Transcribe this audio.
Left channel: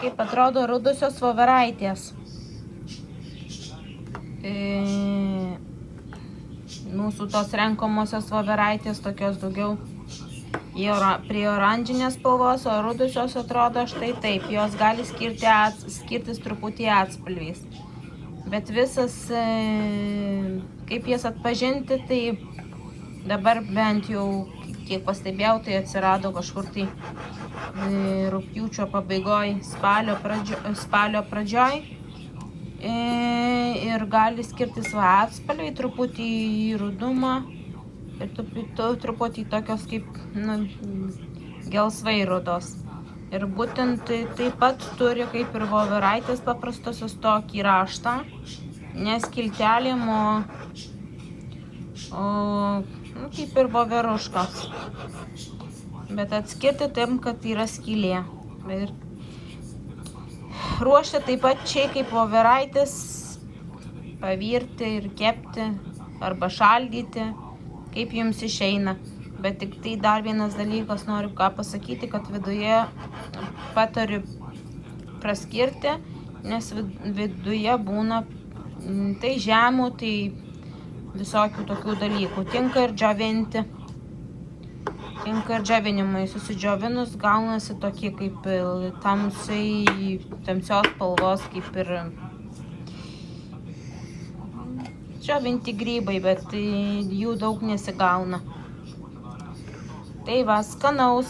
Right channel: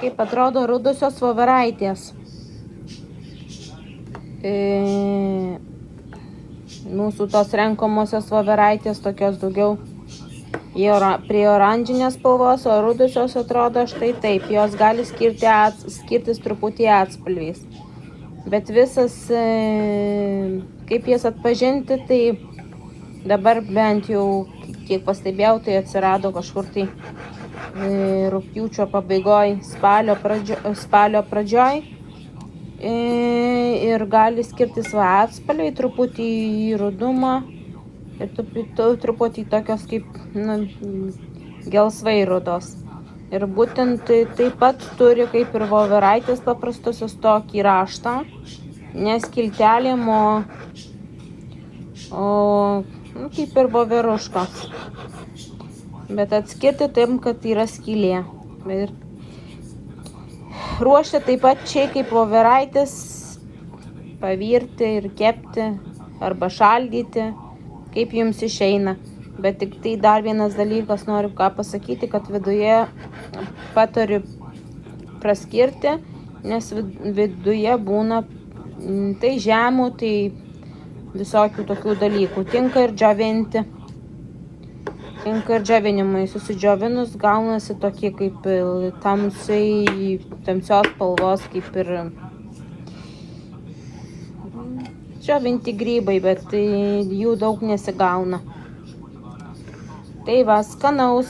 Kaip atrodo rudosios voveraitės. Mūsų tos renkamosios voveraitės tokios daugiau prie oranžinės spalvos, o rudosios atrodo štai taip. Jos gali skirtis truputį atspalviais. Bet visas, kaip jas atpažinti, tai dabar bent jau, kiek pastebėjau, tai atsirado kažkur tai rugpjūčio pabaigoj, spalio pradžioj. Ir gali skirtis atspalviai, truputį į rudumą ir truputį tokios kaip gelsvai rudos. Ir būtent taip pat turi kaip ir voveraitės paprastosios tokį raštą, ne skiltelėm, o kaip ir voveruškos. Bet atskirti taip, kad yra skylė. Ir ruošti taip pat čia kaip voveraitės, pavirti ir kepti arba šaldyti, kaip jums išeina. Bet tik tai dar vienas dalykas noriu ką pasakyti, kad viduje patariu praskirti, nes viduje būna tai žemų, tai visokių tokių dalykų. Tinka ir džiovinti. Tinka ir džiovinimai. Susidžiovinus gaunasi tokie kaip tamsios spalvos, kaip ir džiovinti grybai, bet jų daug nesigauna. Tai va, skanaus.